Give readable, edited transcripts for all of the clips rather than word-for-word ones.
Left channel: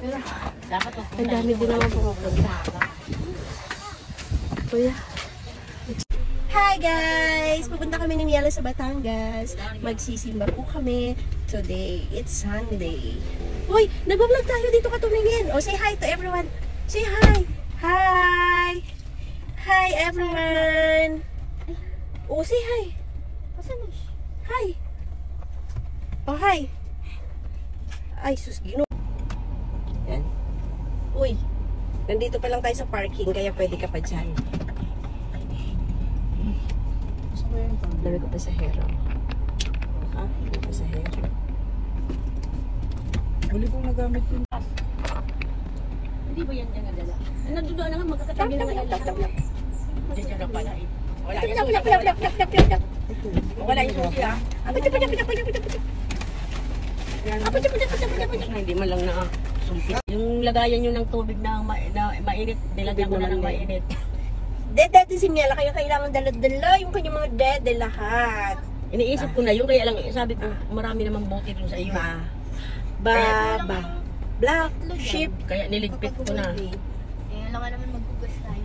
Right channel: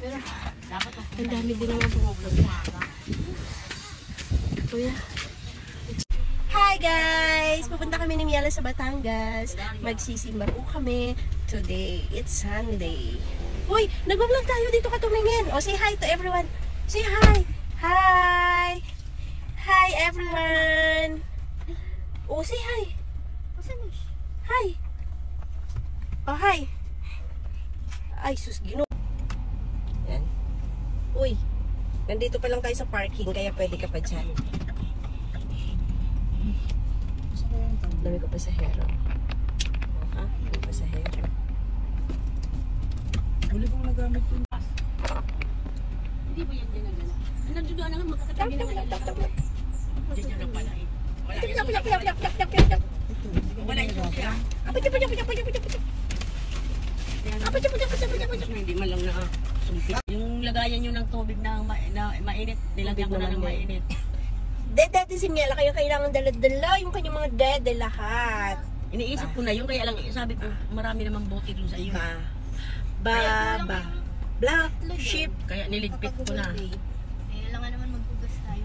Pero, ang dami din naman pumupunta. Kuya. Hi guys! Pupunta kami ni Miela sa Batangas. Magsisimba po kami. Today, it's Sunday. Uy! Nag-vlog tayo dito ka tumingin. O, say hi to everyone. Say hi! Hi! Hi everyone! O, say hi! Hi! Oh, hi! Ay, sus, gino. Yan. Uy! Nandito pa lang tayo sa parking, kaya pwede ka pa dyan. Dami ko pasahero. Ha? May pasahero. Huli kong nagamit yun. Hindi ba yan dyan nadala? Nandito na nga, magkakatabi na nga lahat. Diyan na pala eh. Wala yung susi. Wala yung susi ah. Hindi man lang na sumpit. Yung lagayan nyo ng tubig na mainit, nilagyan ko na ng mainit. Dede si Miela, kaya kailangan dala-dala yung kanyang mga dede lahat. Iniisip ko na yun, kaya lang sabi ko, marami naman bote dun sa iyo. Black sheep. Kaya niligpit ko na. Alam naman magbugas tayo.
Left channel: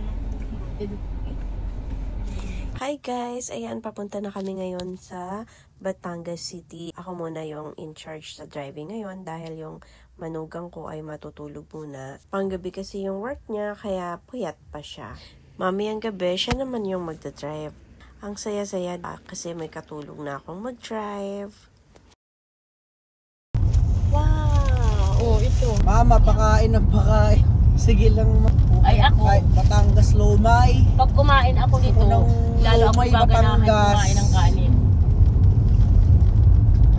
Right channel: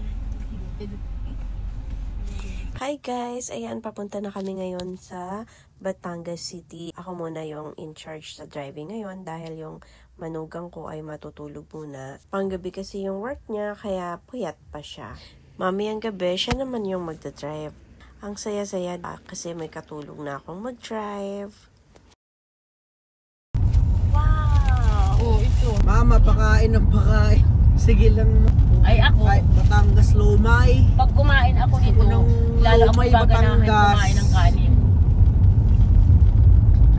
Hi guys! Ayan, papunta na kami ngayon sa Batangas City. Ako muna yung in charge sa driving ngayon dahil yung manugang ko ay matutulog muna. Panggabi kasi yung work niya, kaya puyat pa siya. Mamayang gabi, siya naman yung magdadrive. Ang saya-saya kasi may katulong na akong mag-drive. Wow! Oh, ito. Mama, pakain ng pakain. Sige lang. Ay, ako. Batangas Lomay. Pag kumain ako dito, lalo ako gaganahin kumain ng kanin.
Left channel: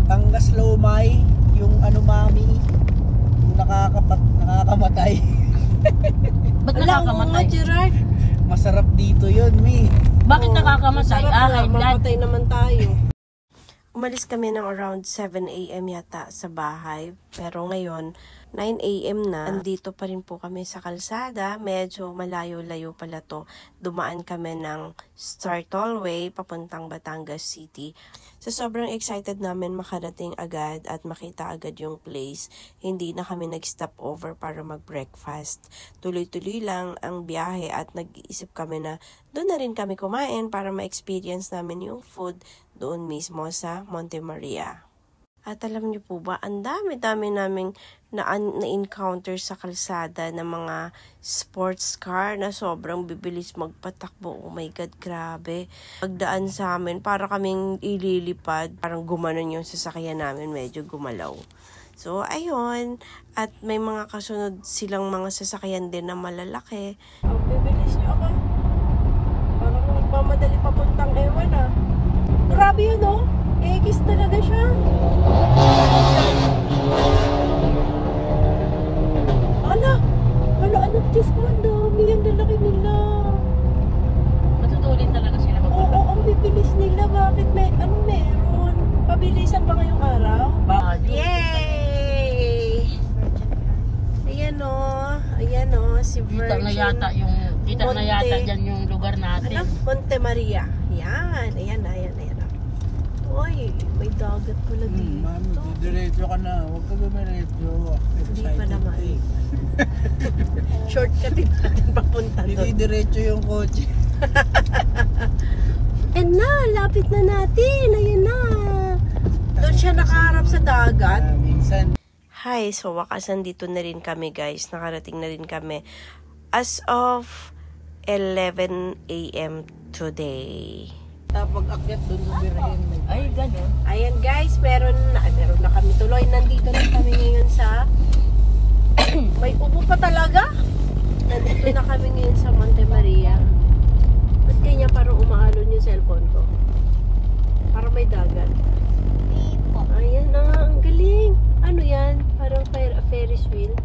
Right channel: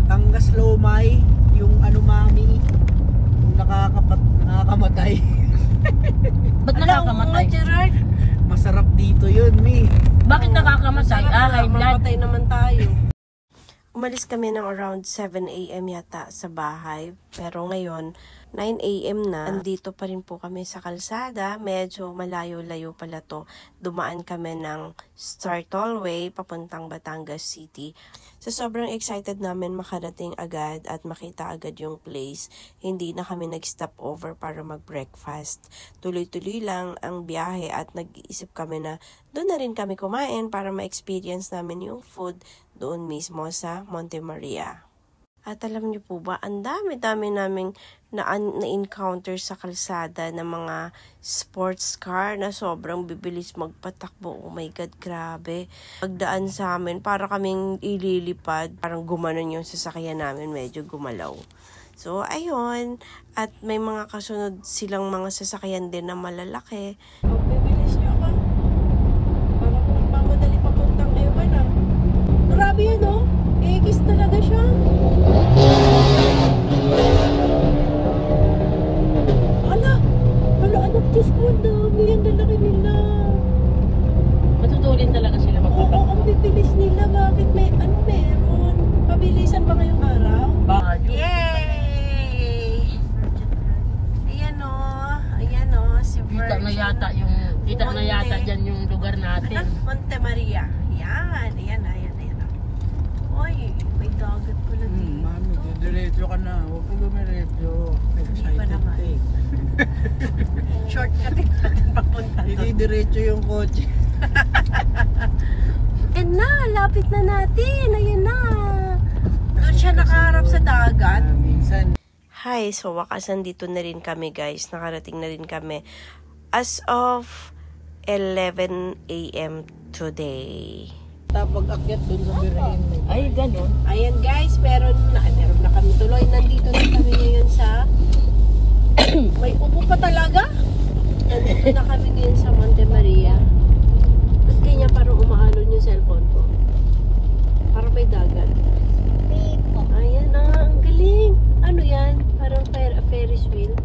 Batangas Lomay, yung ano mami, yung nakakamatay. Ba't nakakamatay? Gerard. Masarap dito yun, Mi. Bakit nakakamatay? Mamatay naman tayo. Umalis kami ng around 7 AM yata sa bahay. Pero ngayon, 9 AM na. Andito pa rin po kami sa kalsada. Medyo malayo-layo pala to. Dumaan kami ng Star Tollway papuntang Batangas City. So sobrang excited namin makarating agad at makita agad yung place. Hindi na kami nag-stop over para mag-breakfast. Tuloy-tuloy lang ang biyahe at nag-iisip kami na doon na rin kami kumain para ma-experience namin yung food doon mismo sa Monte Maria. At alam niyo po ba, ang dami-dami naming na-encounter sa kalsada ng mga sports car na sobrang bibilis magpatakbo. Oh my God, grabe. Pagdaan sa amin, para kaming ililipad. Parang gumanon yung sasakyan namin, medyo gumalaw. So, ayun. At may mga kasunod silang mga sasakyan din na malalaki. Bibilis niyo ako. Parang magmamadali papuntang ewan ah. Grabe yun oh. Egis talaga siya. Ano, Diyos ko, ang dami. Ang lalaki nila. Matutulin talaga sila. Oo, ang bibilis nila. Bakit meron? Pabilisan pa ngayong araw? Yay! Ayan o, si Virgin. Kita na yata dyan yung lugar natin. Ano? Monte Maria. Ayan. Uy, may dagat pala dito. Mami, diretso ka na. Huwag ka dumiretso. Hindi pa naman. Shortcut natin papunta doon. Hindi diretso yung kotse. Ayan na, lapit na natin. Ayan na. Doon siya nakaharap sa dagat. Minsan. Hi, so wakas nandito na rin kami guys. Nakarating na rin kami as of 11 AM today. Tapos akyat dun sa Birhen. Ay, gano'n. Ayan guys, meron na kami tuloy. Nandito na kami ngayon sa may upo pa talaga. Nandito na kami ngayon sa Monte Maria. Ba't kanya parang umaalon yung cellphone ko? Parang may dagat. Ayan na, ang galing. Ano yan? Parang Ferris wheel.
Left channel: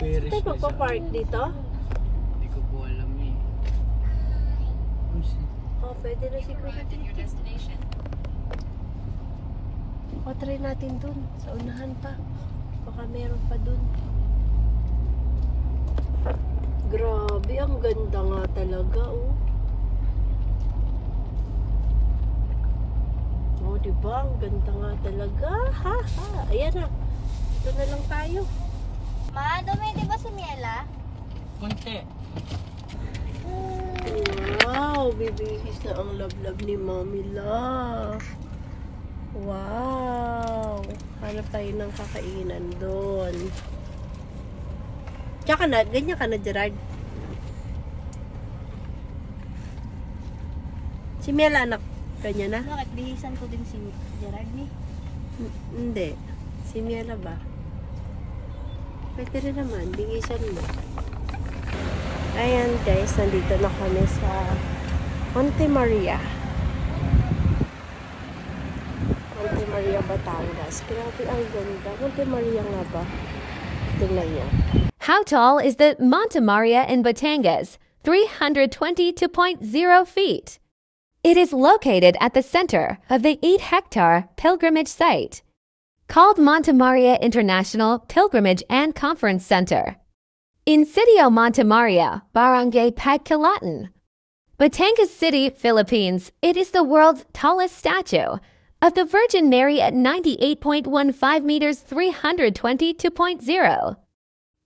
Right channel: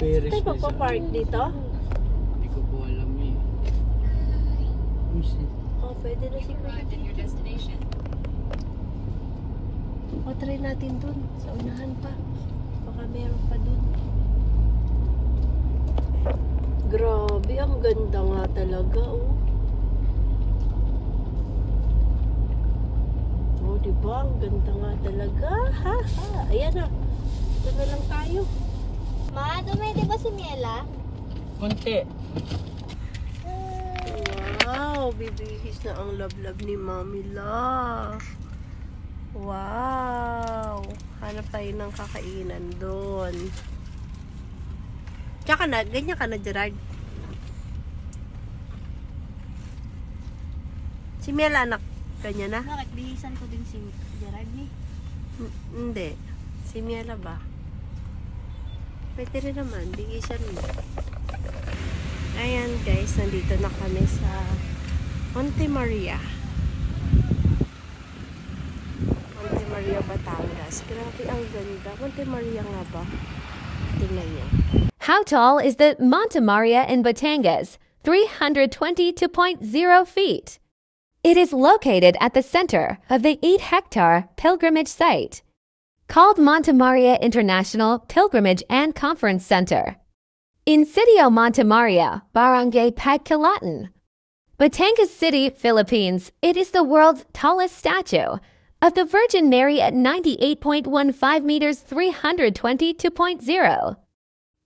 Ferris Tayo magpa-park dito? Hindi ko po alam eh. Oh, pwede na siguro dito. O, try natin dun. Sa unahan pa. Baka meron pa dun. Grabe, ang ganda nga talaga, oh. Oh, diba? Ang ganda nga talaga. Ha? Ayan na. Dito na lang tayo. Ma, dumidi ba si Miela? Kunti. Wow, bibihis na ang lablab ni Mami La. Wow. Hanap tayo ng kakainan doon. Tsaka na, ganyan ka na, Gerard. Si Miela, anak, ganyan na? Bakit? Bihisan ko din si Gerard ni. Hindi. Si Miela ba? Pwede rin naman. Bigisan mo. Ayan guys, nandito na kami sa Monte Maria. Monte Maria, Batangas. Grabe, ang ganda. Monte Maria nga ba? Tingnan niyo. How tall is the Monte Maria in Batangas? 322.0 feet. It is located at the center of the 8-hectare pilgrimage site, called Monte Maria International Pilgrimage and Conference Center. In Sitio Monte Maria, Barangay Pagkilatan, Batangas City, Philippines, it is the world's tallest statue of the Virgin Mary at 98.15 meters 322.0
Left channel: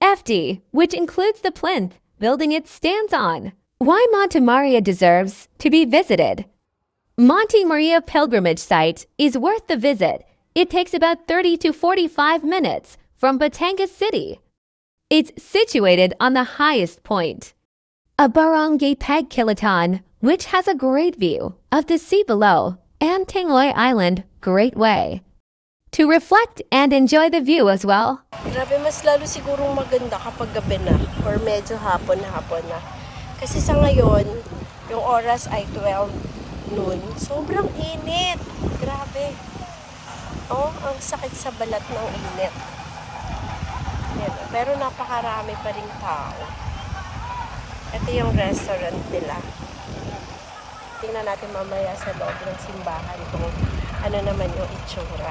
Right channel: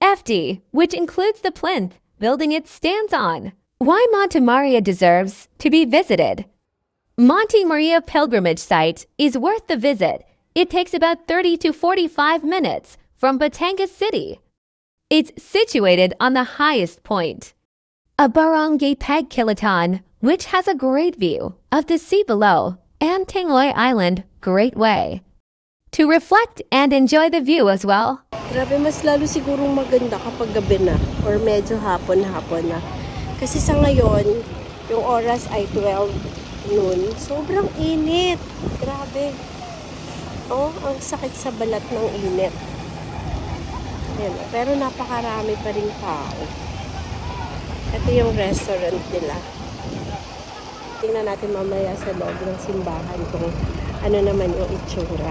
FD, which includes the plinth building it stands on. Why Monte Maria deserves to be visited. Monte Maria Pilgrimage Site is worth the visit. It takes about 30 to 45 minutes from Batangas City. It's situated on the highest point, a Barangay Pagkilatan, which has a great view of the sea below and Tangoy Island Great Way. To reflect and enjoy the view as well. Grabe, mas lalo sigurong maganda kapag gabi na or medyo hapon-hapon na. Kasi sa ngayon, yung oras ay 12 noon. Sobrang init. Grabe. Oh, ang sakit sa balat ng init. Yan. Pero napakarami pa rin tao. Ito yung restaurant nila. Tingnan natin mamaya sa loob ng simbahan kung ano naman yung itsura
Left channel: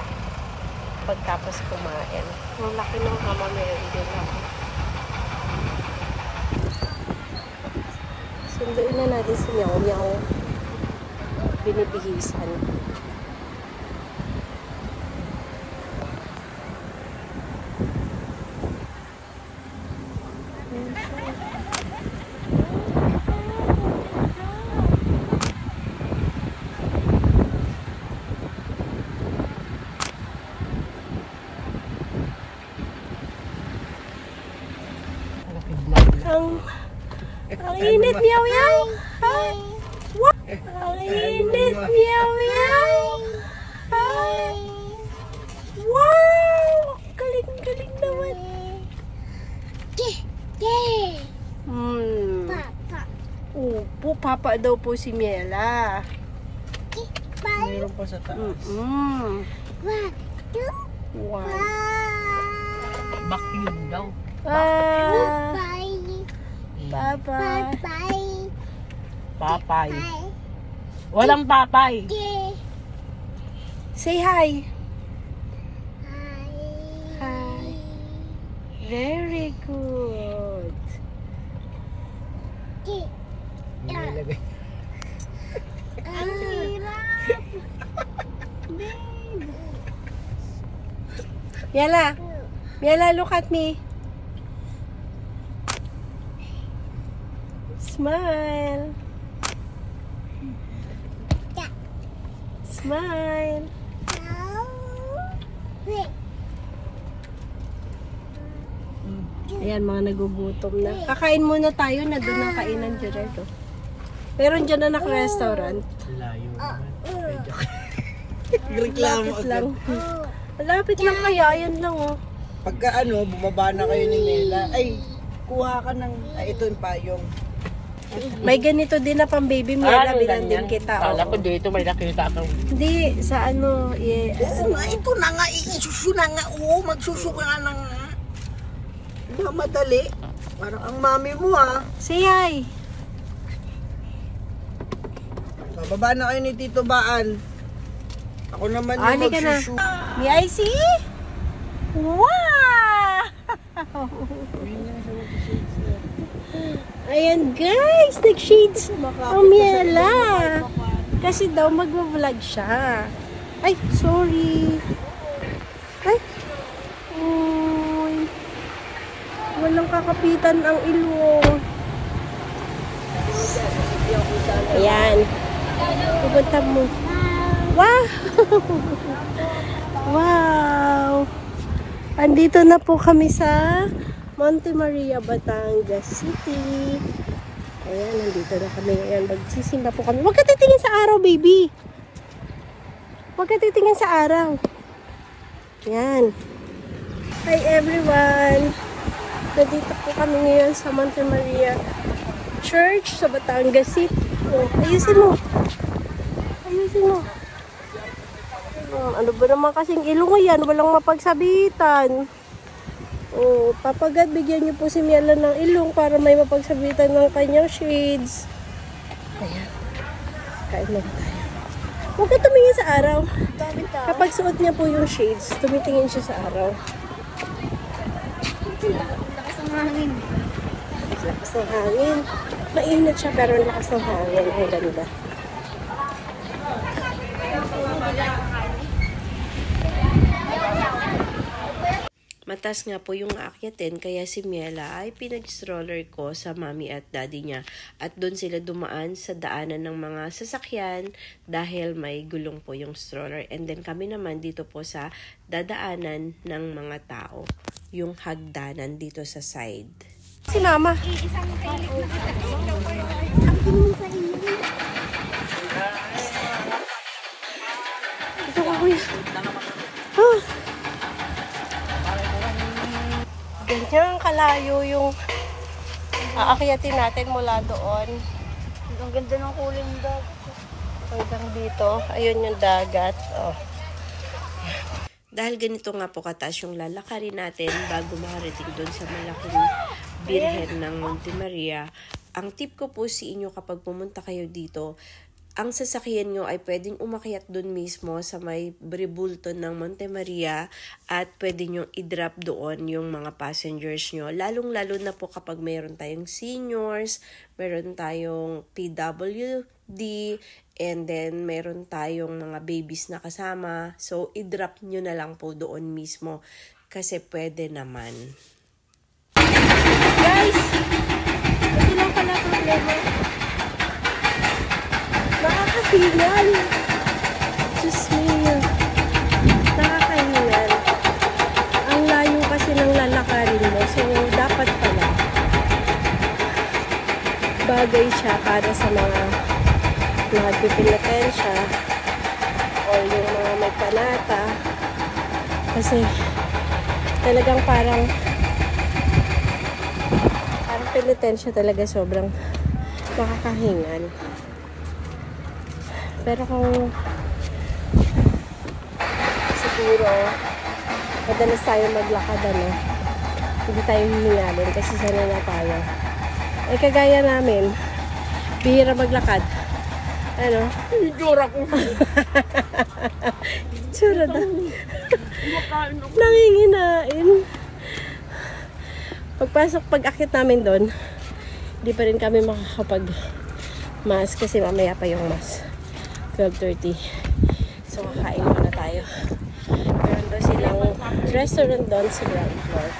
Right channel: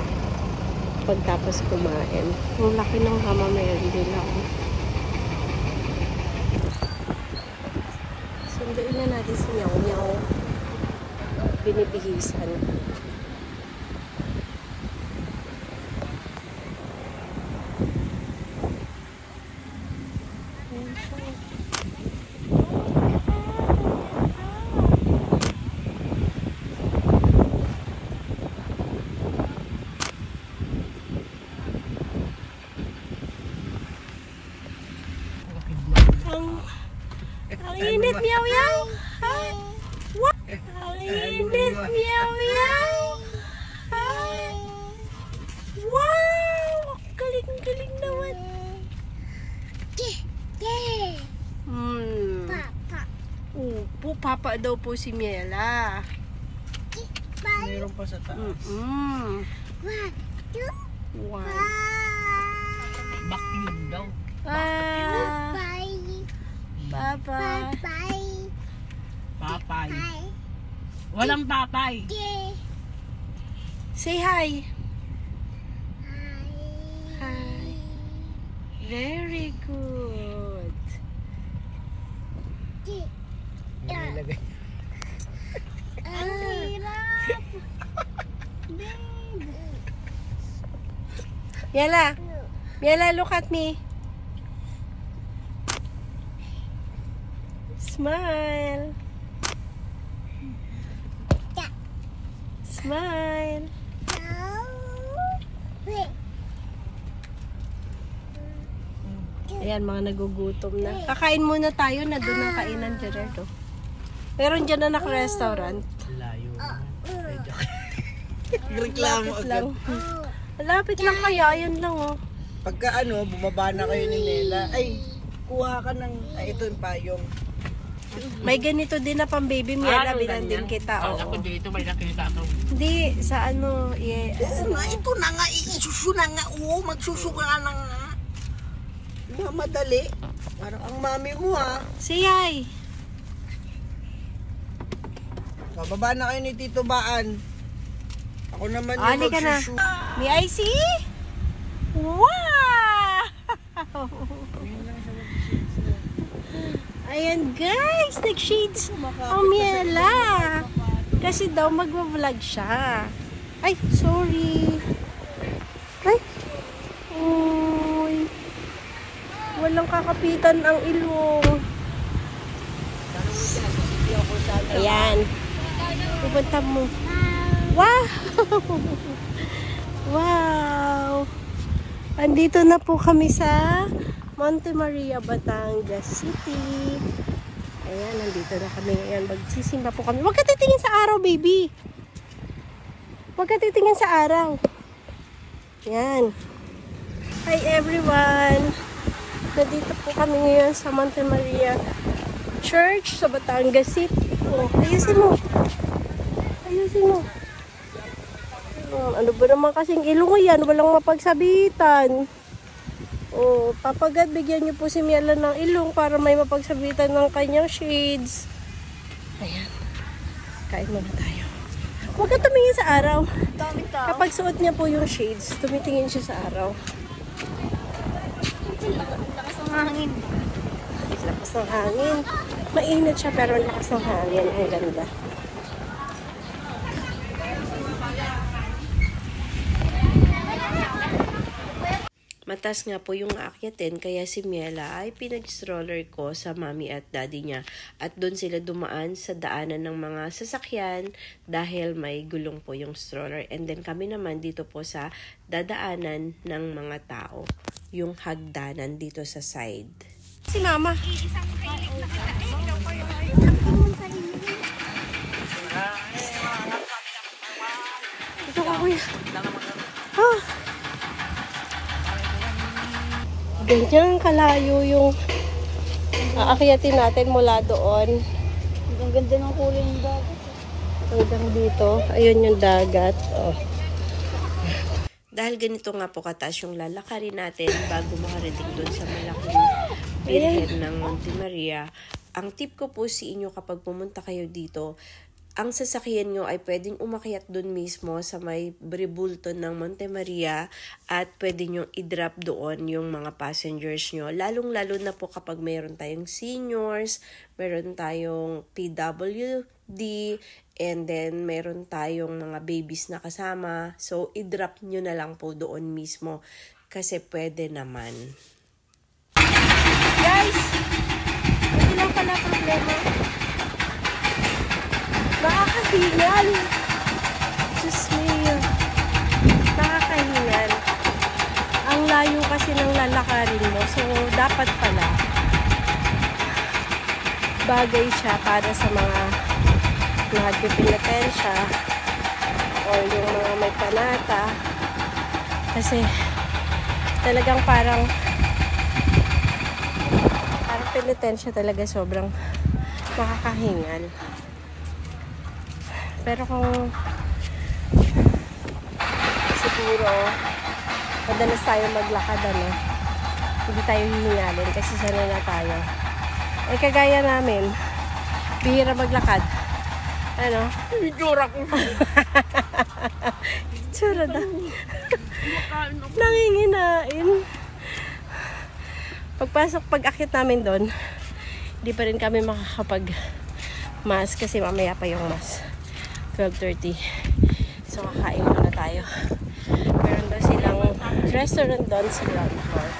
pagtapos kumain. Ang laki ng mamaya din ako. Sunduin na natin si Nyaw-Nyaw. Binibihisan. Ang init, Nyaw-Nyaw! What? Ang init, Nyaw-Nyaw! Wow! Galing-galing naman! Papa. Upo, papa daw po si Miela. Mayroon pa sa taas. Wow. Bakyun daw. Bye-bye. Papay. Walang papay. Say hi. Hi. Very good. Nilagay. Ang hirap. Miela. Miela, look at me. Smile. Smile. Ayan, mga nagugutom na. Kakain muna tayo na doon ang kainan, Gerard. Oh. Meron dyan na restaurant. Layo naman. Reklamo Lapit agad. lang. Malapit lang kaya, yan lang oh. Pagka bumaba na kayo ni Nela, ay, kuha ka ng, ito yung payong. May ganito din na pang baby Miela, bilan din kita. Kala ko dito may nakita ako. Hindi, sa ano, Oo nga, ito na nga, isusu na nga, magsusuka na nga. Madali. Parang ang mami mo say hi. Bababa na kayo ni Tito Baan. Ako naman yung Ali ka na. magsusu. May I see? Wow! Ayan guys, nag-shades ang Miela. Kasi daw magva-vlog siya. Ay, sorry. Ay. walang kakapitan ang ilong. Ayan. Pupunta mo. Wow! Wow! Andito na po kami sa Monte Maria, Batangas City. Ayan, nandito na kami ngayon. Magsisimba po kami. Huwag ka titingin sa araw, baby. Huwag ka titingin sa araw. Ayan. Hi everyone! Nandito po kami ngayon sa Monte Maria Church sa Batangas City. Oh, ayusin mo. Ayusin mo. Ano ba naman kasing ilong yan? Walang mapagsabitan. Oh, papagad, bigyan niyo po si Miela ng ilong para may mapagsabitan ng kanyang shades. Ayan. Kain na tayo. Huwag ka tumingin sa araw. Kapag suot niya po yung shades, tumitingin siya sa araw. Lakas ng hangin. Lakas ng hangin. Mainit siya pero lakas ng hangin. Ang ganda. Matas nga po yung aakyatin, kaya si Miela ay pinag-stroller ko sa mommy at daddy niya. At doon sila dumaan sa daanan ng mga sasakyan dahil may gulong po yung stroller. And then kami naman dito po sa dadaanan ng mga tao. Yung hagdanan dito sa side. Si mama. Ito ka kuya. Ah. Ganyan kalayo yung aakyatin natin mula doon. Ang ganda ng kulay ng dagat. Hanggang dito. Ayun yung dagat. Oh. Dahil ganito nga po kataas yung lalakarin natin bago makarating doon sa malaking Birhen ng Monte Maria. Ang tip ko po sa inyo kapag pumunta kayo dito, ang sasakyan nyo ay pwedeng umakyat doon mismo sa may bribulto ng Monte Maria at pwede nyo i-drop doon yung mga passengers nyo. Lalong-lalo na po kapag mayroon tayong seniors, mayroon tayong PWD, and then mayroon tayong mga babies na kasama. So, i-drop nyo na lang po doon mismo kasi pwede naman. Guys! Ito lang pala problema. Nakakahingal. Diyos niya. Nakakahingal. Ang layo kasi ng lalakarin mo. So, dapat pala bagay siya para sa mga nagpipilipensya o yung mga may panata. Kasi talagang parang penitensya talaga, sobrang nakakahingal. Pero kung siguro madalas tayo maglakad, hindi tayo hihingalin kasi sanay na tayo. Eh kagaya namin, bihira maglakad. Ano? Itsura ko. Itsura na. Nanginginain. Pag-akit namin doon, hindi pa rin kami makakapag-mass kasi mamaya pa yung mass. 12:30. So, kakain muna tayo. Meron daw silang restaurant doon sa ground floor.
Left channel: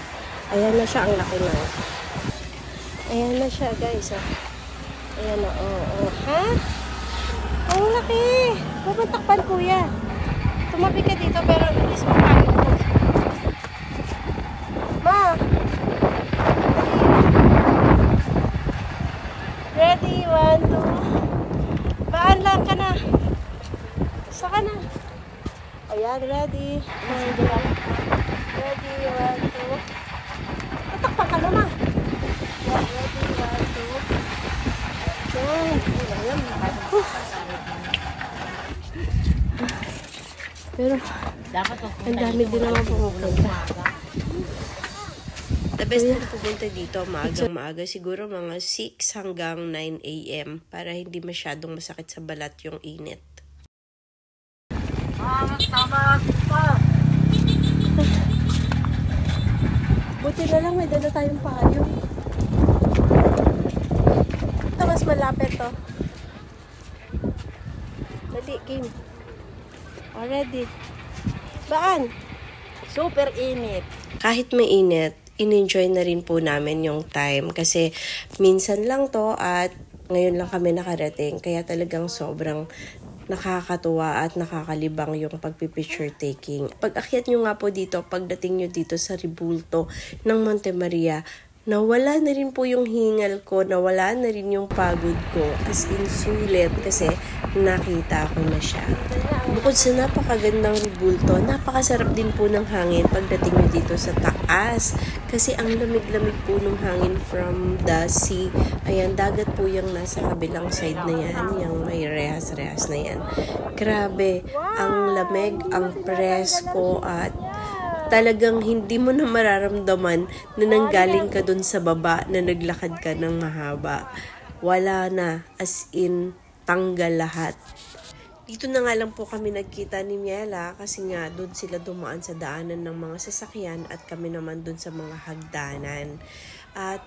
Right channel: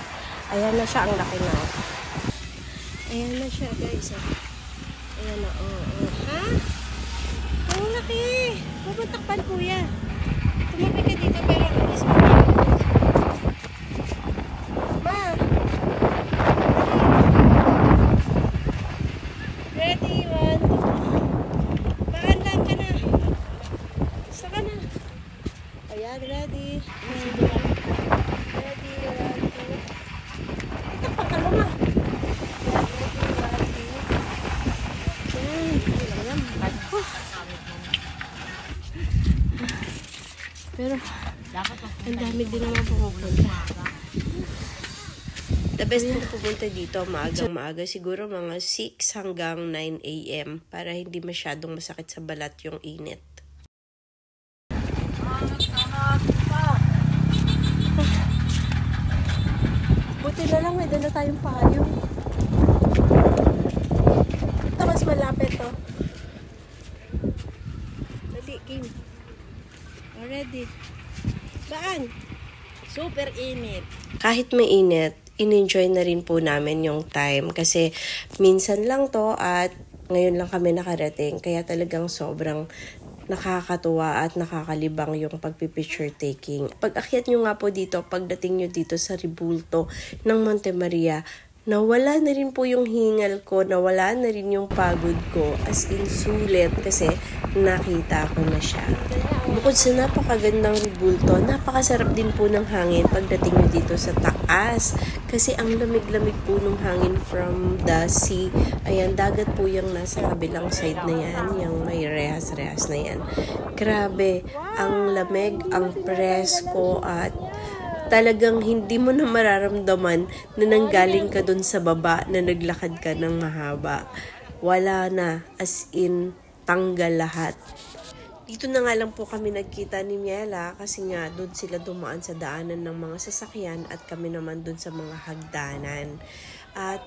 Ayan na siya, ang laki na. Ayan na siya, guys. Ayan na, ha? Ang laki! Huwag mong takpan, kuya. Tumabi ka dito, pero bilis mo tayo. Ma! Ready, 1, 2. Baan lang ka na. Saka na. Ayan, ready. Ready, 1, 2. Tatakpan ka na, ma. Ayan, ready, 1, 2. Ayan. Pero, ang dami din naman pumupunta. The best pong pumunta dito, maagang-maaga, siguro mga 6 hanggang 9 AM para hindi masyadong masakit sa balat yung init. Buti na lang may dala tayong payo. Ito mas malapit to. Dali, game. Already. Baan? Super init. Kahit mainit, in-enjoy na rin po namin yung time kasi minsan lang to at ngayon lang kami nakarating. Kaya talagang sobrang nakakatuwa at nakakalibang yung pagpipicture taking. Pag akyat nyo nga po dito, pagdating nyo dito sa Ribulto ng Monte Maria, nawala na rin po yung hingal ko, nawala na rin yung pagod ko, as in sulit kasi nakita ko na siya. Bukod sa napakagandang Ribulto, napakasarap din po ng hangin pagdating nyo dito sa taas kasi ang lamig-lamig po ng hangin from the sea. Ayan, dagat po yung nasa kabilang side na yan, yung may rehas-rehas na yan. Grabe, ang lamig, ang presko at talagang hindi mo na mararamdaman na nanggaling ka dun sa baba na naglakad ka ng mahaba. Wala na, as in, tanggal lahat. Dito na nga lang po kami nagkita ni Miela kasi nga doon sila dumaan sa daanan ng mga sasakyan at kami naman doon sa mga hagdanan. At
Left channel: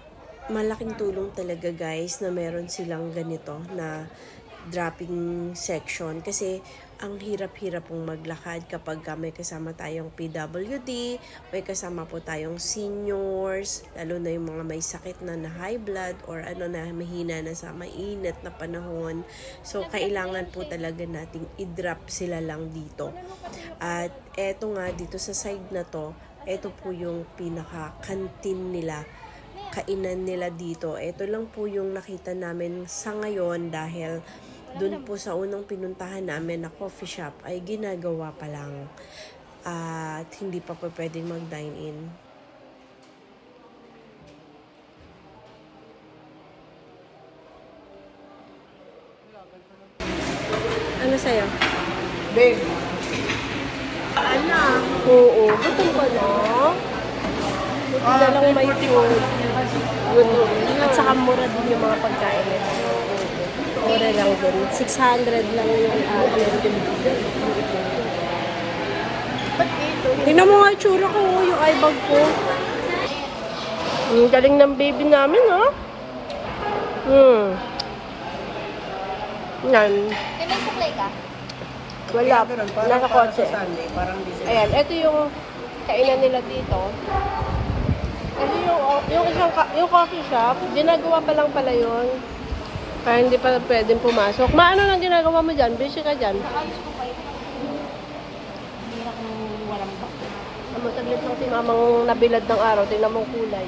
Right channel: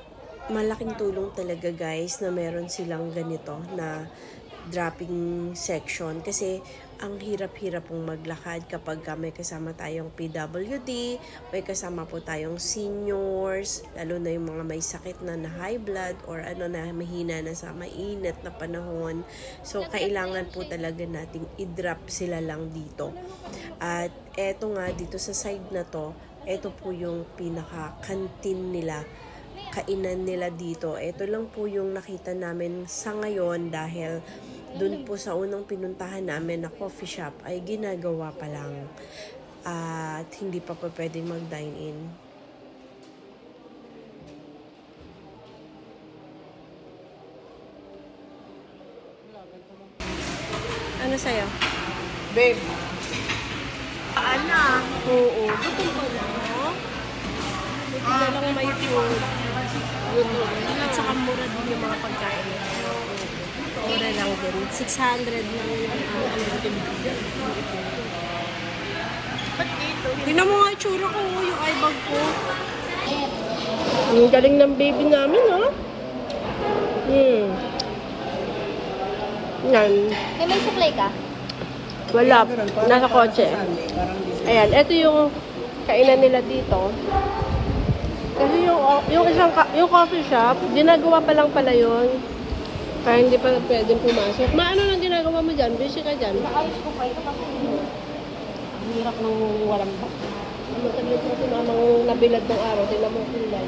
malaking tulong talaga guys na meron silang ganito na dropping section kasi ang hirap-hirap pong maglakad kapag may kasama tayong PWD, may kasama po tayong seniors, lalo na yung mga may sakit na high blood or ano na mahina na sa mainit na panahon. So, kailangan po talaga nating i-drop sila lang dito. At eto nga, dito sa side na to, eto po yung pinaka-canteen nila, kainan nila dito. Ito lang po yung nakita namin sa ngayon dahil doon po sa unang pinuntahan namin na coffee shop ay ginagawa pa lang at hindi pa po pwedeng mag-dine in. Ano sa'yo? Babe, Ana? Oo. Gutom ka na? Buti na lang may food. Gutom. At saka mura din yung mga pagkain nila. Mura lang din. 600 lang yung tingnan mo nga itsura ko, yung eye bag ko. Ang galing ng baby namin, ha? Yan. May supply ka? Wala. parang Nasa kotse. sa Sunday, parang Disney. Ayan, ito yung kainan nila dito. Yung coffee shop, ginagawa pa lang pala yun. Kaya hindi pa pwedeng pumasok. Maano lang ginagawa mo dyan? Busy ka dyan? Hirap ng walang bak. Mataglit mo si mamang nabilad ng araw. Tingnan mong kulay.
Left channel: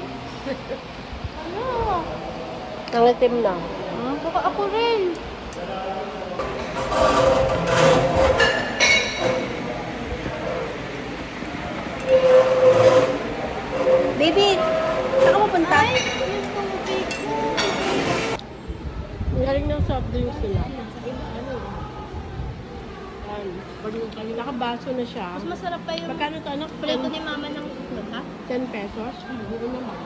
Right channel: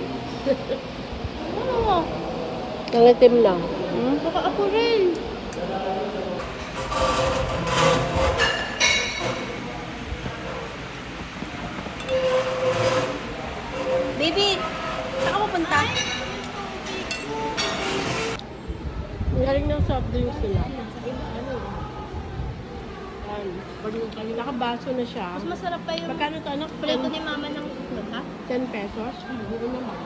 Nangitim na. Saka ako rin. Baby, saan ka mapunta? Ang galing ng soft drinks nila. Nakabaso na siya. Mas masarap pa yung Magkano to, anak? plato ni mama ng itlog, ha? 10 pesos? Hindi naman.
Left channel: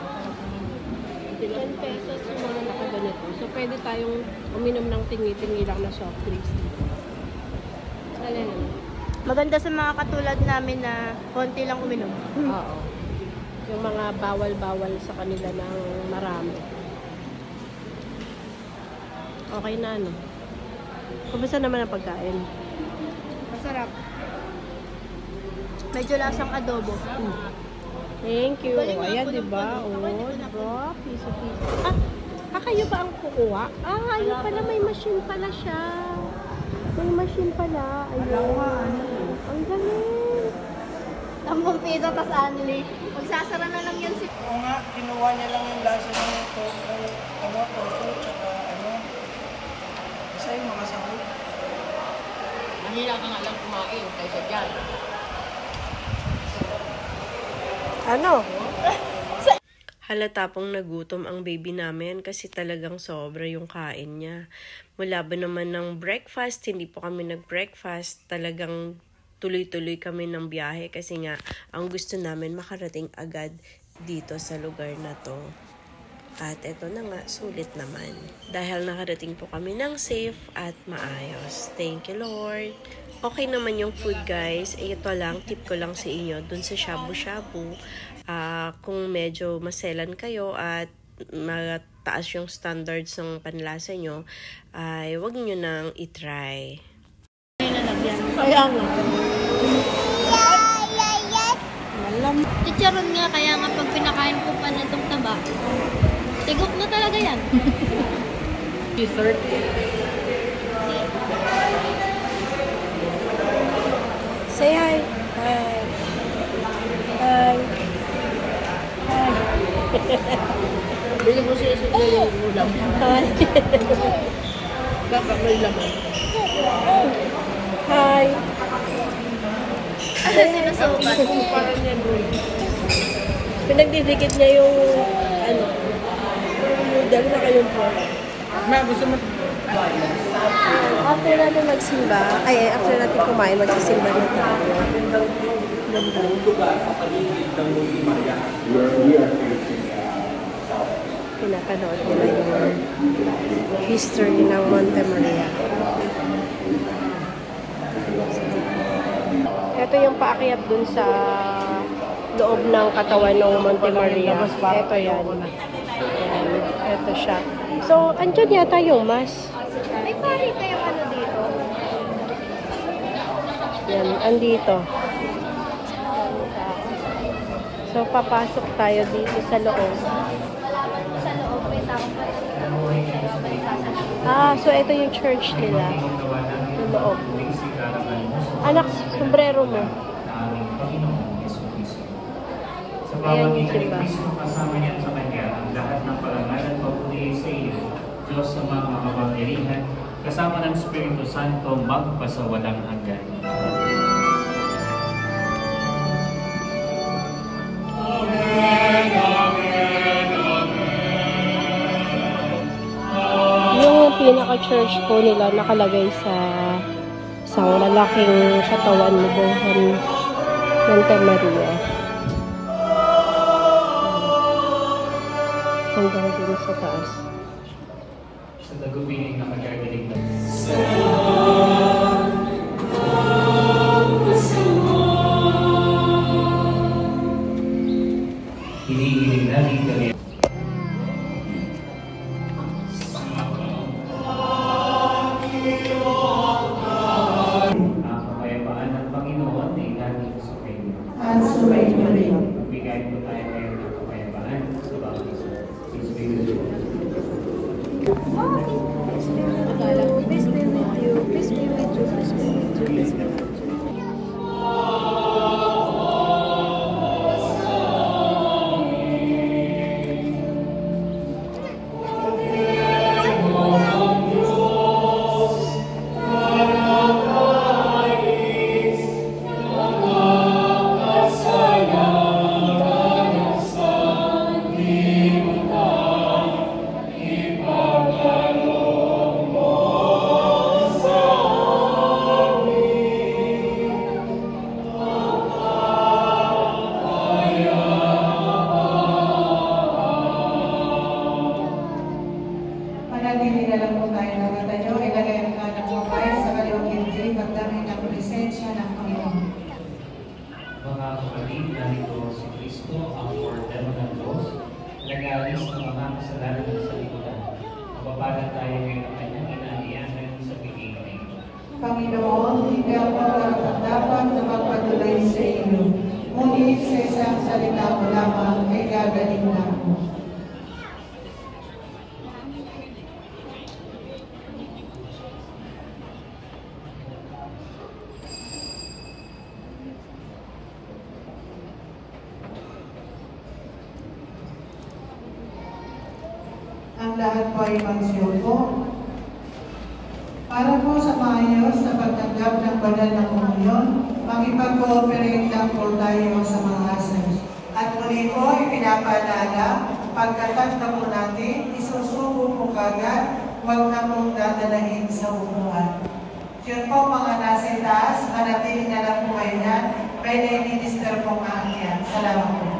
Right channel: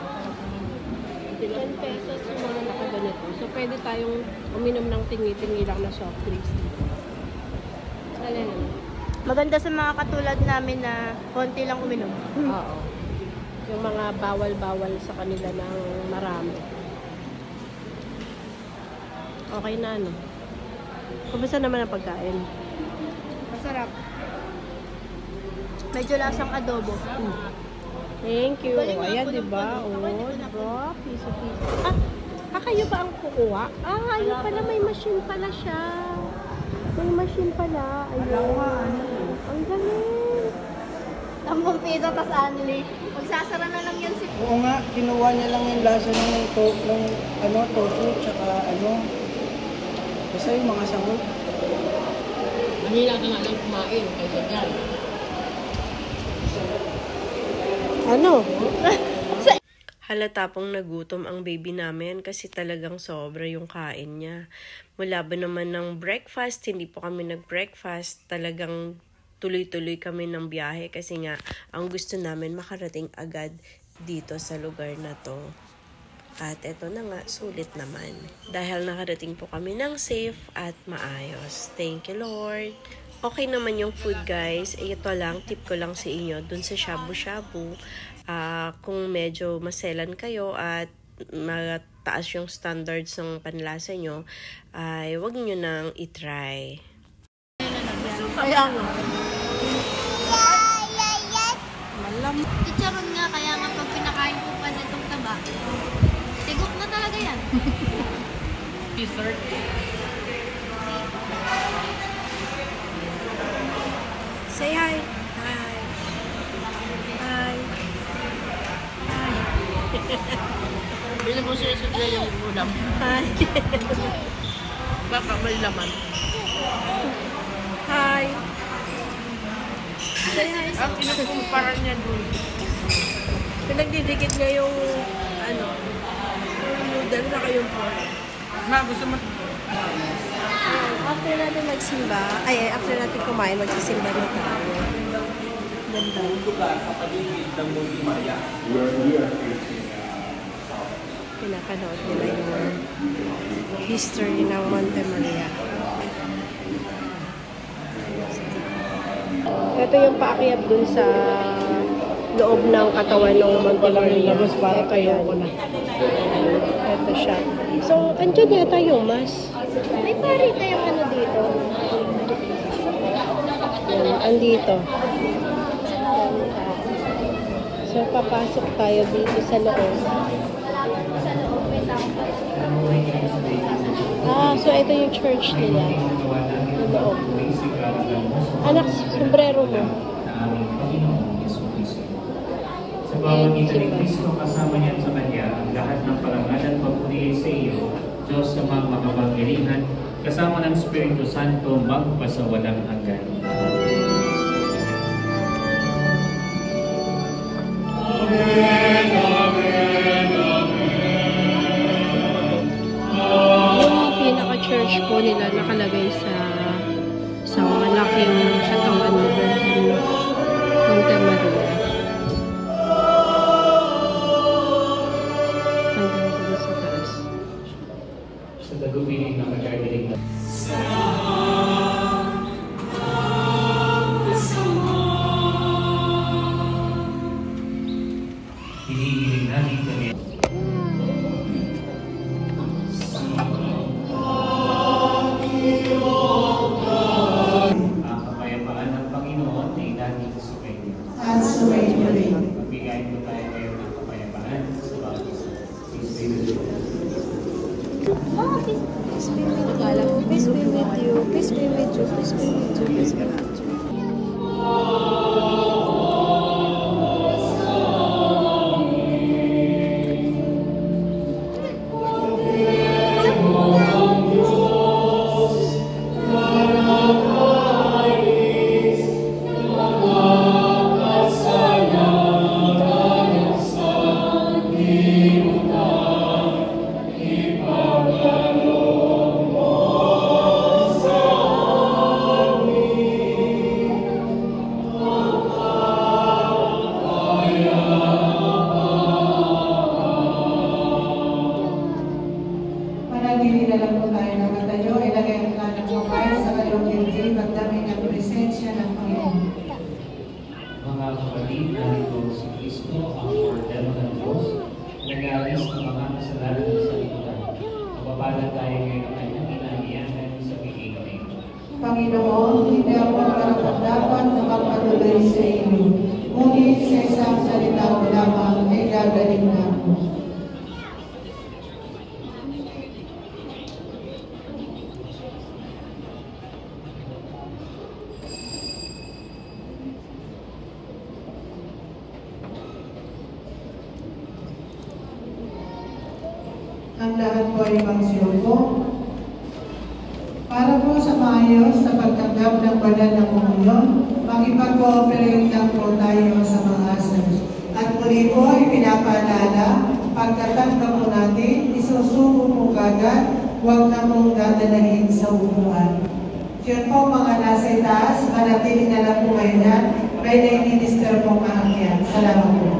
10 pesos yung mga nakaganito. So, pwede tayong uminom ng tingi-tingi lang na soft drinks dito. Alin naman? Maganda sa mga katulad namin na konti lang uminom. Oo. Yung mga bawal-bawal sa kanila ng marami. Okay na, ano? Kumusta naman ang pagkain? Masarap. Medyo lasang adobo. Thank you. Galing nga Ayan, po ng diba? puno. Oo, Ako hindi ko diba? Piso-piso. Kayo ba ang kukuha? Ayun pala, may machine pala siya. May machine pala. Ayun. Ang galing. 10 piso, tas anli. Magsasara na lang yan si... Oo nga, kinuha niya lang yung lasa ng tofu, tsaka basta yung mga samot. Manila ka nga lang kumain kaysa dyan. Ano? Halata pong nagutom ang baby namin kasi talagang sobra yung kain niya. Mula ba naman ng breakfast, hindi po kami nag-breakfast. Talagang tuloy-tuloy kami ng biyahe kasi nga ang gusto namin makarating agad dito sa lugar na to. At eto na nga, sulit naman. Dahil nakarating po kami ng safe at maayos. Thank you, Lord. Okay naman yung food, guys. Ito lang, tip ko lang sa inyo. Dun sa shabu-shabu, kung medyo maselan kayo at mataas yung standards ng panlasa nyo, ay wag nyo nang itry. Kaya nga. Chicharon nga, kaya nga pag pinakain ko Dessert. Say hi. Hi. Hi. Bili mo siya yung ulam. Hi. Baka may laman. Hi. Parang niya doon. Pinagdidikit niya yung ano, yung noodle na kayong pork. Ma, gusto mo? After natin magsimba, after natin kumain, magsisimba na tayo. Pinapanood nila yung history ng Monte Maria. Ito yung paakyat dun sa loob ng katawan ng Monte Maria. Labas para kayo ko na. Ito siya. So, andyan yata yung mas. May pari kayong ano dito? Yan, andito. So, papasok tayo dito sa loob. So ito yung church nila. Sa loob. Anak, sombrero mo. Sa pamamagitan ni Kristo, kasama niya sa Kanya ang lahat ng parangal at pagpupili sa iyo, Diyos sa mga makapangyarihan, kasama ng Espiritu Santo, magpasawalang hanggan. Amen, amen, amen. Yung pinaka-church po nila nakalagay sa isang malaking katawan ni Virgin Monte Maria. Hanggang dun sa taas. Sa tagubilin na magkagaling na. Hinihiling natin kami. Ang kapayapaan ng Panginoon ay lagi sa kayo. At sumayin rin. Magbigay po tayo ngayon ng kapayapaan sa bawat isa. Peace be with you. Peace be with you. Peace be with you. Peace be with you. Peace be with you. Peace be with you. Panatili na lang po tayo ng katayo. Ilagay ang anak mo tayo sa kaliwang dibdib at daming ang presensya ng Panginoon. Mga kapatid, narito si Kristo, ang ordeno ng Diyos, nag-aalis ng mga kasalanan sa lipunan. Mapapala tayo ngayon ng kanyang inahiyanan sa pag-ibig. Panginoon, hindi ako karapat-dapat na magpatuloy sa iyo. Ngunit sa isang salita mo lamang ay gagaling na ako. Ang lahat po ay magsiyuko. Para po sa maayos sa pagtanggap ng banal ng komunyon, makipag-cooperate lang po tayo sa mga asal. At muli po ay pinapaalala, pagkatanggap po natin, isusuko po kagad, huwag na pong dadalahin sa upuan. Yun po mga nasa itaas, manatili na lang po kayo yan, may na-minister po maakyat. Salamat po.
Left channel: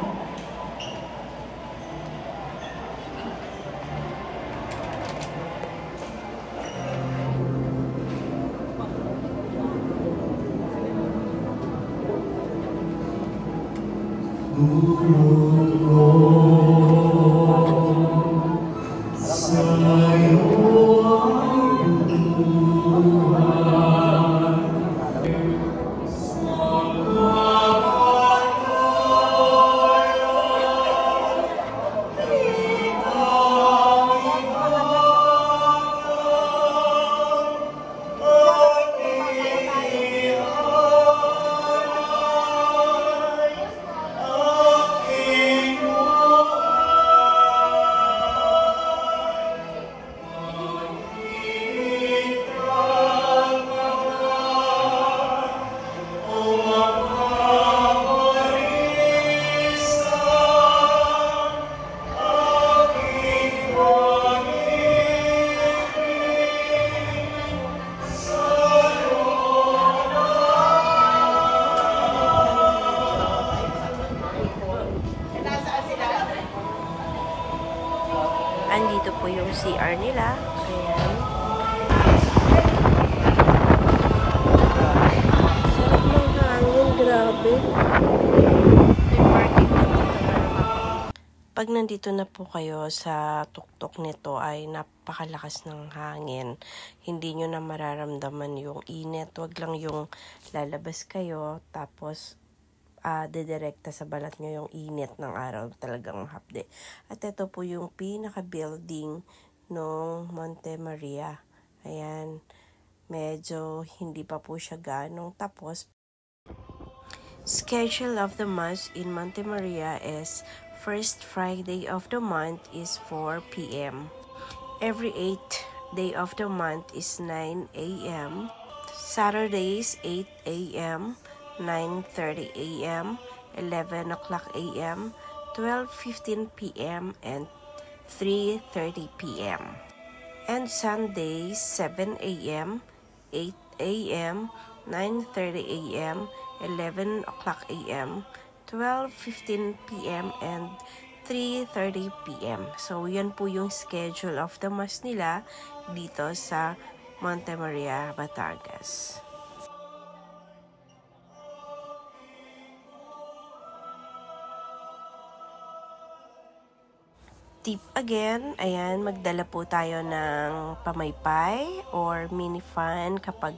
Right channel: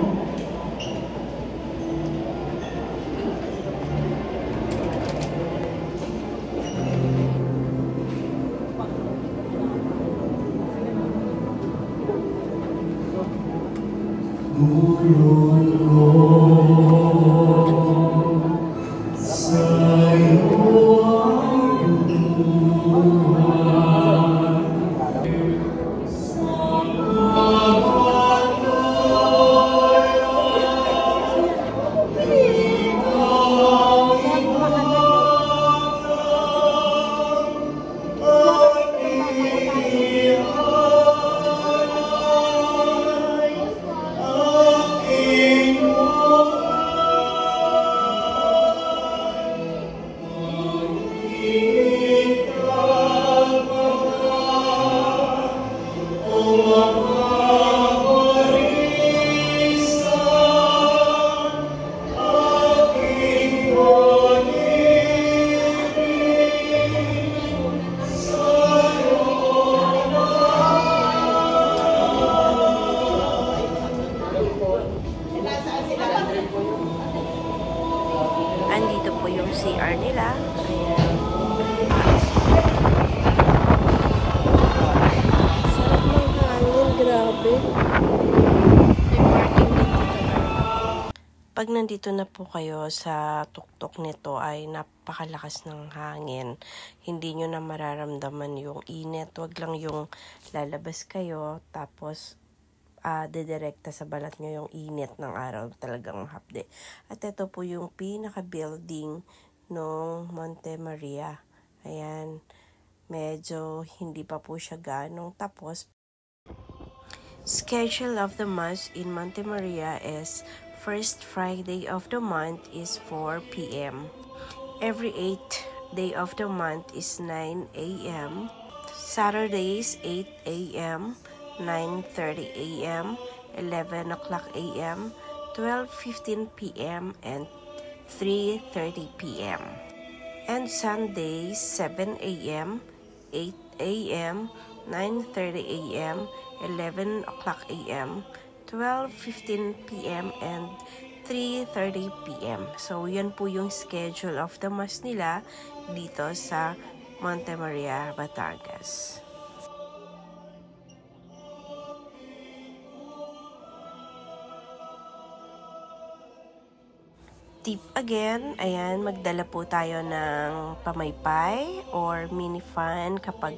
Andito po yung CR nila. Ayan. Sarap ng hangin, grabe. Pag nandito na po kayo sa tuktok nito ay napakalakas ng hangin. Hindi nyo na mararamdaman yung init. Wag lang yung lalabas kayo tapos dedirekta sa balat nyo yung init ng araw. Talagang hapde. At ito po yung pinaka-building ng Monte Maria. Ayan. Medyo hindi pa po siya ganong tapos. Schedule of the Mass in Monte Maria is first Friday of the month is 4 p.m. Every 8th day of the month is 9 a.m. Saturdays 8 a.m., 9:30 a.m., 11 o'clock a.m., 12:15 p.m., and 3:30 p.m. And Sundays 7 a.m., 8 a.m., 9:30 a.m., 11 o'clock a.m., 12:15 p.m. and 3:30 p.m. So, yan po yung schedule of the Mass nila dito sa Monte Maria, Batangas. Tip again, ayan, magdala po tayo ng pamaypay or mini fan kapag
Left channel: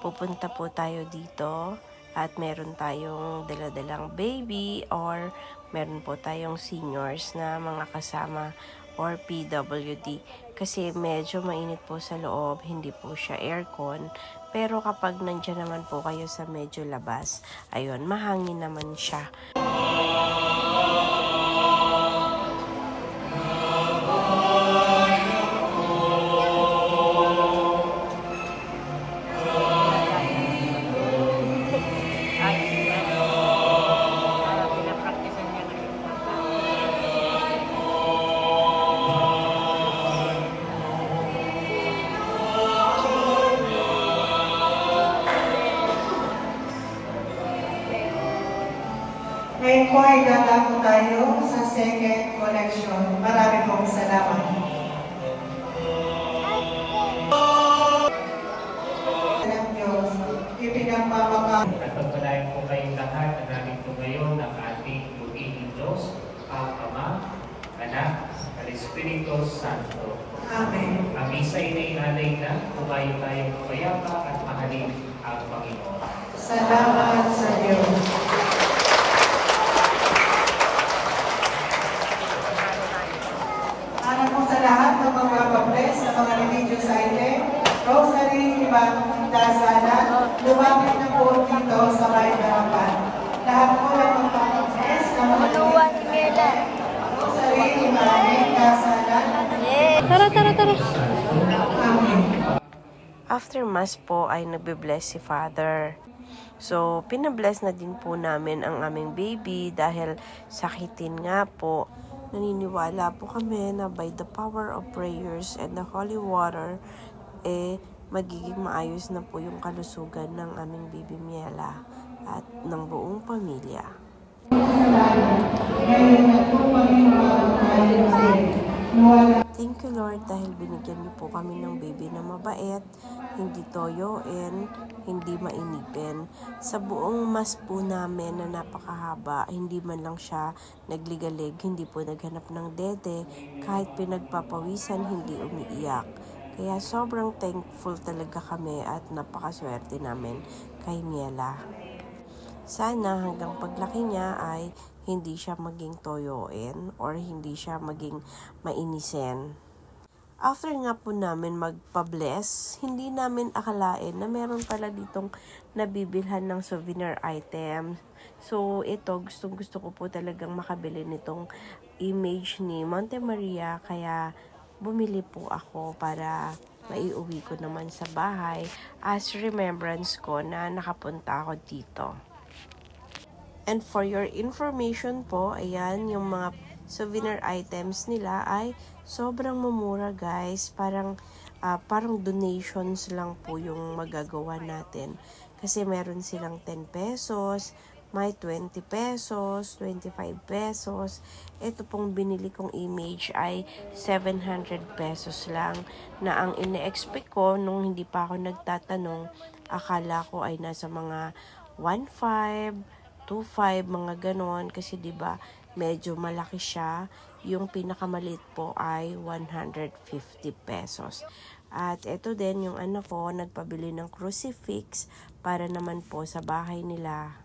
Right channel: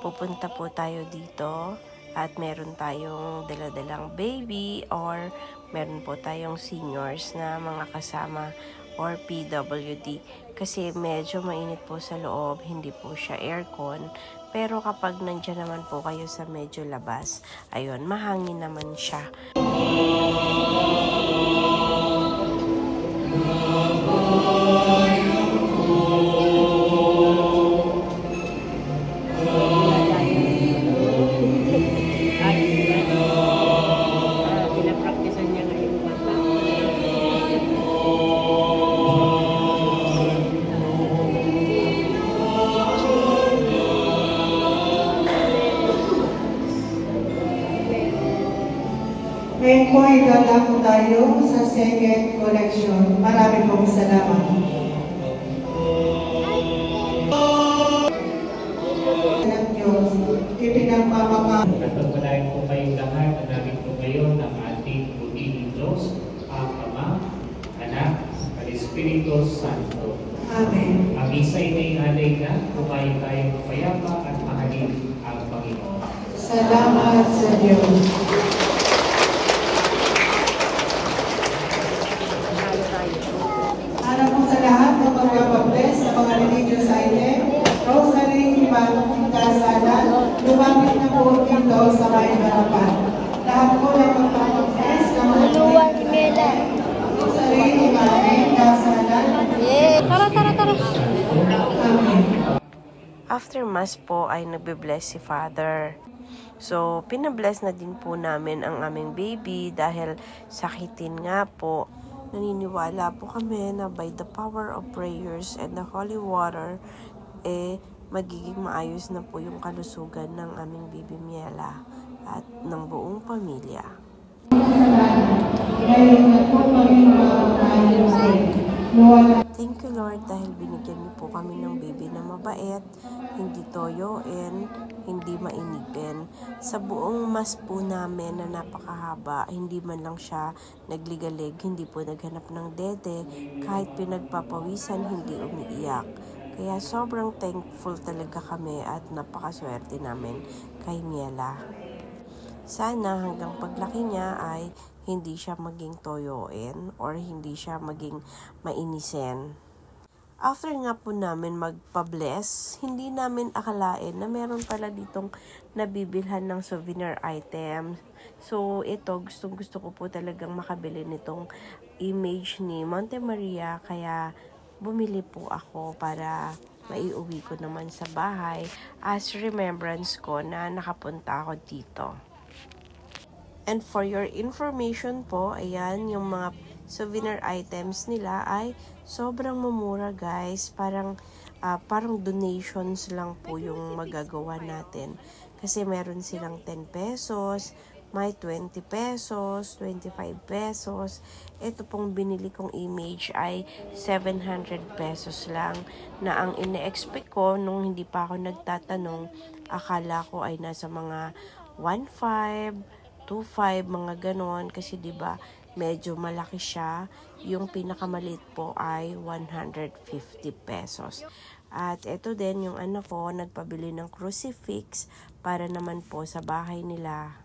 pupunta po tayo dito. At meron tayong dala-dalang baby or meron po tayong seniors na mga kasama or PWD. Kasi medyo mainit po sa loob, hindi po siya aircon. Pero kapag nandiyan naman po kayo sa medyo labas, ayun, mahangin naman siya. Ngayon po ay gagawin tayo sa second collection. Marami pong salamat. Ng Diyos, ipinagpapaka. Pagpapalain po kayong lahat na namin po ngayon ng ating Panginoong Diyos, ang Ama, Anak, at Espiritu Santo. Amen. Ang isa ay alay na, kumain tayong payapa at mahalin ang Panginoon. Salamat sa Diyos. Para po sa lahat ng magpapabless sa mga religious item, rosary, dasala, lumapit na po dito sa may harapan. Lahat po ng magpapabless sa mga rosary, dasala. Amen. After Mass po ay nagbe-bless si Father. So, pinabless na din po namin ang aming baby dahil sakitin nga po. Naniniwala po kami na by the power of prayers and the holy water, magiging maayos na po yung kalusugan ng aming baby Miela at ng buong pamilya. Thank you Lord dahil binigyan niyo po kami ng baby na mabait, hindi toyoin, hindi mainipin. Sa buong Mass po namin na napakahaba, hindi man lang siya nagligalig, hindi po naghanap ng dede, kahit pinagpapawisan, hindi umiiyak. Kaya sobrang thankful talaga kami at napakaswerte namin kay Miela. Sana hanggang paglaki niya ay hindi siya maging toyoin or hindi siya maging mainisen. After nga po namin magpa-bless, hindi namin akalain na meron pala ditong nabibilhan ng souvenir item. So ito, gusto ko po talagang makabili nitong image ni Monte Maria, kaya bumili po ako para maiuwi ko naman sa bahay as remembrance ko na nakapunta ako dito. And for your information po, ayan, yung mga souvenir items nila ay sobrang mumura guys. Parang donations lang po yung magagawa natin. Kasi meron silang 10 pesos, may 20 pesos, 25 pesos. Ito pong binili kong image ay 700 pesos lang, na ang ine-expect ko nung hindi pa ako nagtatanong, akala ko ay nasa mga 1.5, 2.5, mga ganon, kasi 'di ba medyo malaki siya. Yung pinakamaliit po ay 150 pesos. At ito din yung anak ko nagpabili ng crucifix para naman po sa bahay nila.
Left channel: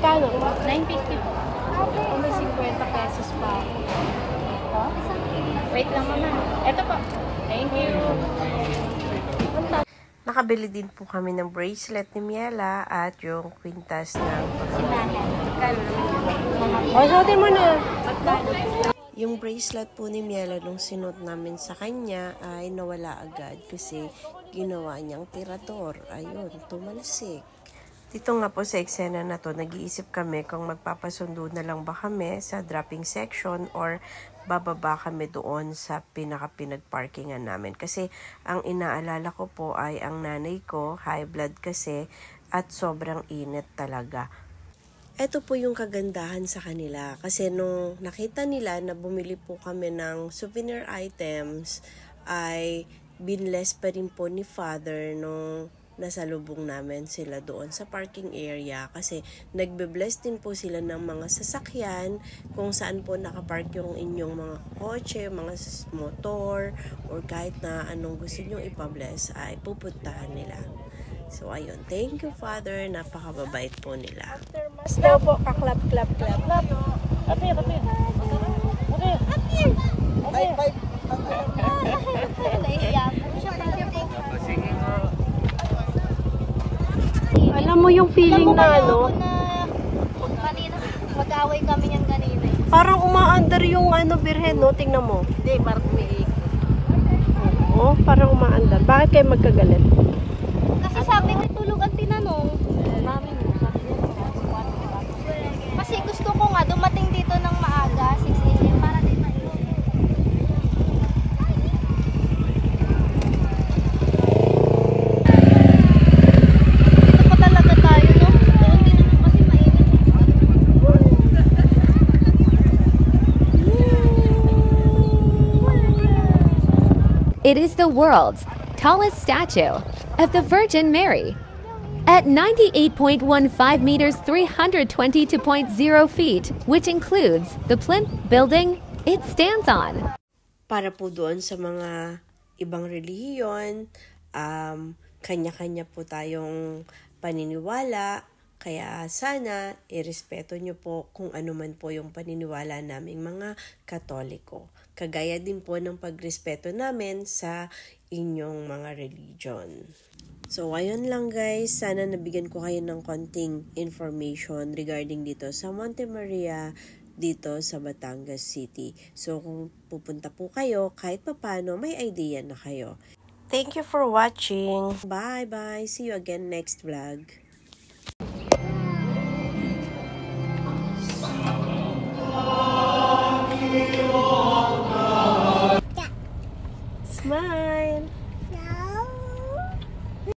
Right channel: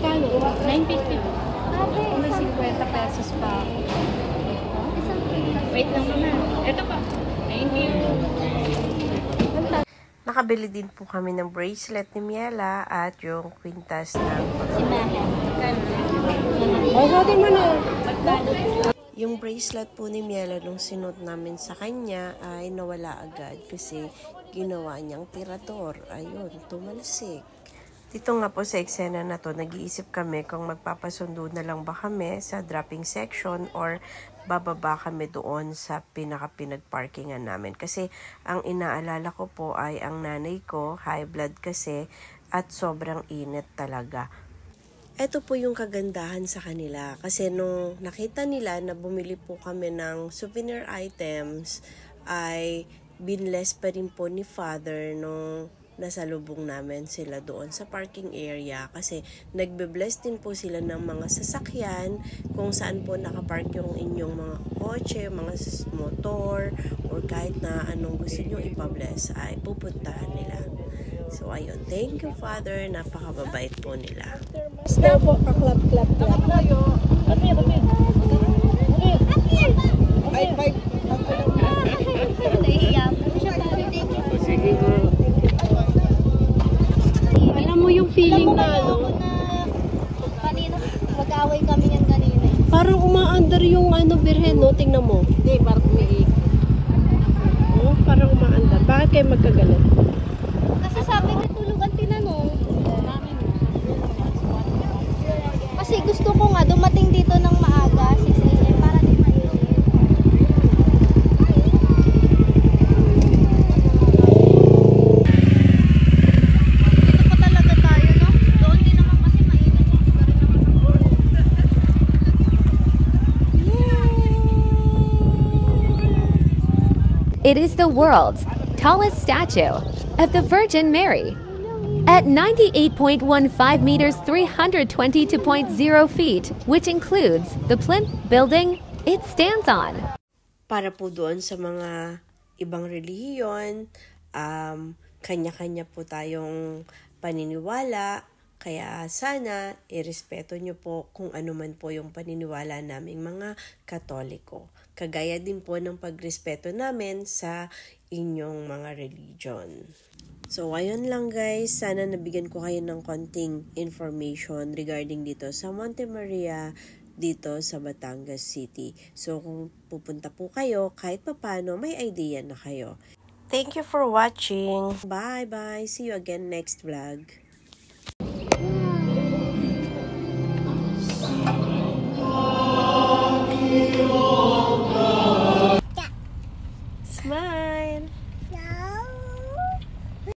Kano? 950 po. May 50 pesos pa ako. Wait lang muna. Ito po. Thank you. Nakabili din po kami ng bracelet ni Miela at yung kwintas ng pamangkin. Masuotin mo na. Yung bracelet po ni Miela nung sinuot namin sa kanya ay nawala agad kasi ginawa niyang tirador. Ayun, tumalsik. Dito nga po sa eksena na to, nag-iisip kami kung magpapasundo na lang ba kami sa dropping section or bababa kami doon sa pinaka-pinag-parkingan namin. Kasi ang inaalala ko po ay ang nanay ko, high blood kasi, at sobrang init talaga. Ito po yung kagandahan sa kanila. Kasi nung nakita nila na bumili po kami ng souvenir items, ay binless pa rin po ni Father nung nasalubong namin sila doon sa parking area, kasi nagbe-bless din po sila ng mga sasakyan kung saan po nakapark yung inyong mga kotse, mga motor, or kahit na anong gusto nyo ipa-bless ay pupuntahan nila. So ayun, thank you Father, napakababait po nila. Basta po, kaklap. Alam mo yung feeling na ano? Kanina, mag-away kami niyang kanina. Parang umaandar yung birhen, no? Tingnan mo. Hindi, parang Oo, parang umaandar. Bakit kayo magkagalit? kasi sabi niya tulog ang tinanong. Kasi gusto ko nga dumating dito ng maaga, 6 AM, para di mainit. Dito pa talaga tayo, no? Doon din naman kasi mainit. It is the world's tallest statue of the Virgin Mary. At 98.15 meters, 322.0 feet, which includes the plinth building it stands on. Para po doon sa mga ibang relihiyon, kanya-kanya po tayong paniniwala, kaya sana irespeto nyo po kung ano man po yung paniniwala naming mga Katoliko. Kagaya din po ng pagrespeto namin sa inyong mga religion. So, ayun lang guys. Sana nabigyan ko kayo ng konting information regarding dito sa Monte Maria, dito sa Batangas City. So, kung pupunta po kayo, kahit papano, may idea na kayo. Thank you for watching. Bye-bye. See you again next vlog.